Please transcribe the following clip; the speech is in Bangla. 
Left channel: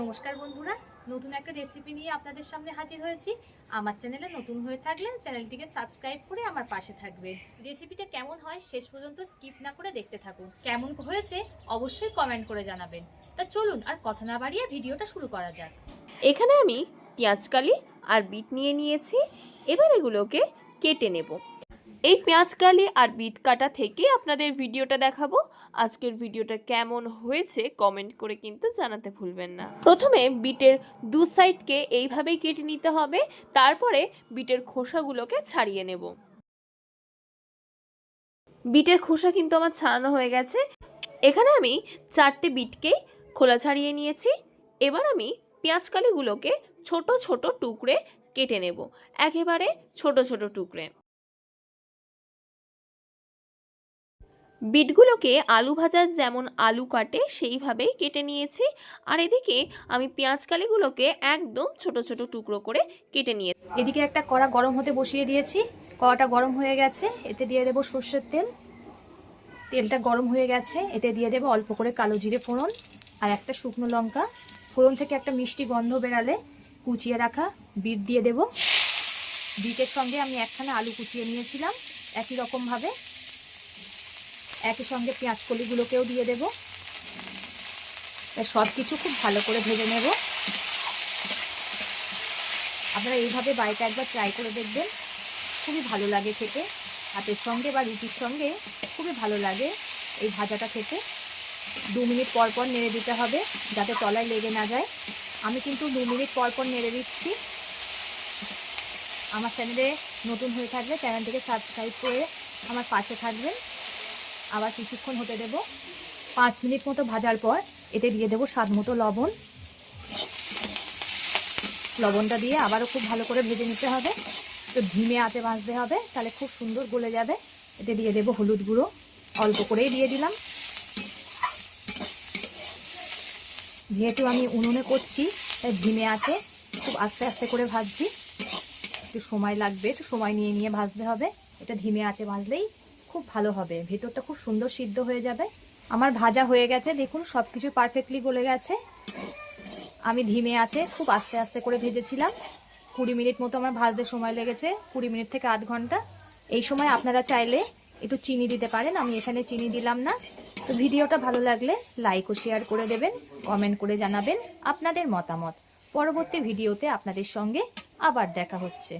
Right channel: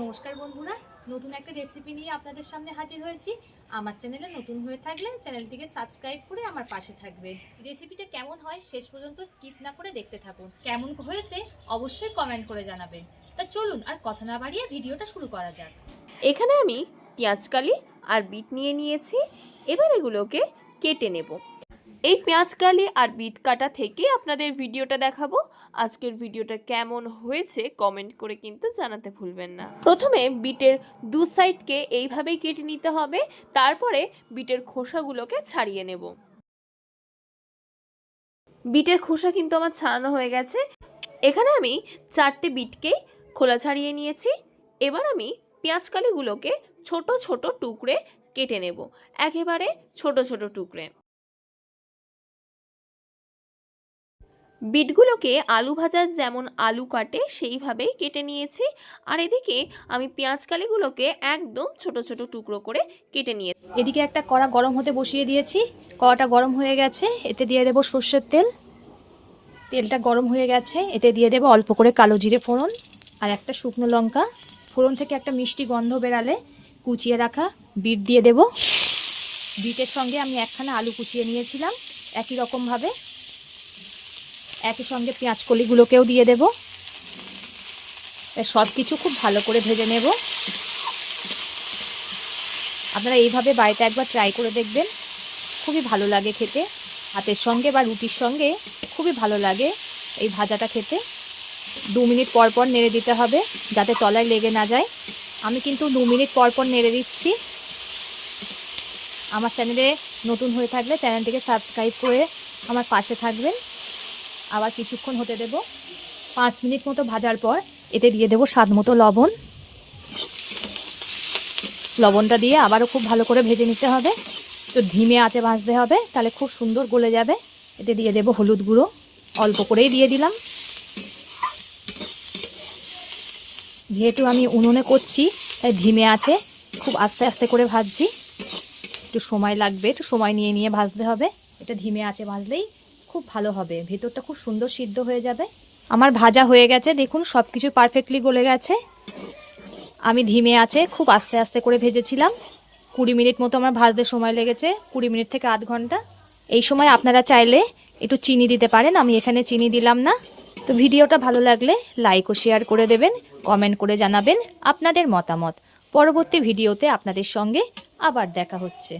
নমস্কার বন্ধুরা, নতুন একটা রেসিপি নিয়ে আপনাদের সামনে হাজির হয়েছি। আমার চ্যানেলে নতুন হয়ে থাকলে চ্যানেলটিকে সাবস্ক্রাইব করে আমার পাশে থাকবেন। রেসিপিটা কেমন হয় শেষ পর্যন্ত স্কিপ না করে দেখতে থাকুন। কেমন হয়েছে অবশ্যই কমেন্ট করে জানাবেন। তা চলুন আর কথা না বাড়িয়ে ভিডিওটা শুরু করা যাক। এখানে আমি পেঁয়াজকালি আর বিট নিয়ে নিয়েছি। এবার এগুলোকে কেটে নেব। এই পেঁয়াজকালি আর বিট কাটা থেকে আপনাদের ভিডিওটা দেখাবো। আজকের ভিডিওটা কেমন হয়েছে কমেন্ট করে কিন্তু জানাতে ভুলবেন না। প্রথমে বিটের দু সাইডকে এইভাবেই কেটে নিতে হবে, তারপরে বিটের খোসাগুলোকে ছাড়িয়ে নেব। বিটের খোসা কিন্তু আমার ছাড়ানো হয়ে গেছে। এখানে আমি 4টে বিটকেই খোলা ছাড়িয়ে নিয়েছি। এবার আমি পেঁয়াজকালিগুলোকে ছোট ছোট টুকরে কেটে নেব, একেবারে ছোট ছোট টুকরে। বিটগুলোকে আলু ভাজার যেমন আলু কাটে সেইভাবেই কেটে নিয়েছি। আর এদিকে আমি পেঁয়াজকালিগুলোকে একদম ছোট ছোট টুকরো করে কেটে নিয়ে এদিকে একটা কড়া গরম হতে বসিয়ে দিয়েছি। কড়াটা গরম হয়ে গেছে, এতে দিয়ে দেবো সর্ষের তেল। তেলটা গরম হয়ে গেছে, এতে দিয়ে দেবো অল্প করে কালো জিরে ফোড়ন আর একটা শুকনো লঙ্কা। ফোড়ন থেকে একটা মিষ্টি গন্ধ বেরালে কুচিয়ে রাখা বিট দিয়ে দেব। বিটের সঙ্গে আমি একখানা আলু কুচিয়ে নিয়েছিলাম, একই রকমভাবে একই সঙ্গে পেঁয়াজ কলিগুলোকেও দিয়ে দেব। সব কিছু খুব ভালো করে ভেজে নেব। আপনারা এইভাবে বাড়িতে একবার ট্রাই করে দেখবেন, খুবই ভালো লাগে খেতে। ভাতের সঙ্গে বা রুটির সঙ্গে খুবই ভালো লাগে এই ভাজাটা খেতে। 2 মিনিট পর পর নেড়ে দিতে হবে যাতে তলায় লেগে না যায়। আমি কিন্তু 2 মিনিট পর পর নেড়ে দিচ্ছি। আমার চ্যানেলে নতুন হয়ে থাকলে চ্যানেলটিকে সাবস্ক্রাইব করে আমার পাশে থাকবেন। আবার কিছুক্ষণ হতে দেব। 5 মিনিট মতো ভাজার পর এতে দিয়ে দেব স্বাদ মতো লবণ। লবণটা দিয়ে আবারও খুব ভালো করে ভেজে নিতে হবে। তো ধিমে আঁচে ভাজতে হবে, তাহলে খুব সুন্দর গলে যাবে। এতে দিয়ে দেব হলুদ গুঁড়ো, অল্প করেই দিয়ে দিলাম। যেহেতু আমি উনুনে করছি তাই ধিমে আঁচে খুব আস্তে আস্তে করে ভাজছি। একটু সময় লাগবে, একটু সময় নিয়ে নিয়ে ভাজতে হবে। এটা ধিমে আঁচে ভাজলেই খুব ভালো হবে, ভেতরটা খুব সুন্দর সিদ্ধ হয়ে যাবে। আমার ভাজা হয়ে গেছে, দেখুন সব কিছু পারফেক্টলি গলে গেছে। আমি ধিমে আঁচে খুব আস্তে আস্তে করে ভেজেছিলাম। 20 মিনিট মতো আমার ভাজতে সময় লেগেছে, 20 মিনিট থেকে আধ ঘন্টা। এই সময় আপনারা চাইলে একটু চিনি দিতে পারেন, আমি এখানে চিনি দিলাম না। তো ভিডিওটা ভালো লাগলে লাইক ও শেয়ার করে দেবেন, কমেন্ট করে জানাবেন আপনাদের মতামত। পরবর্তী ভিডিওতে আপনাদের সঙ্গে আবার দেখা হচ্ছে।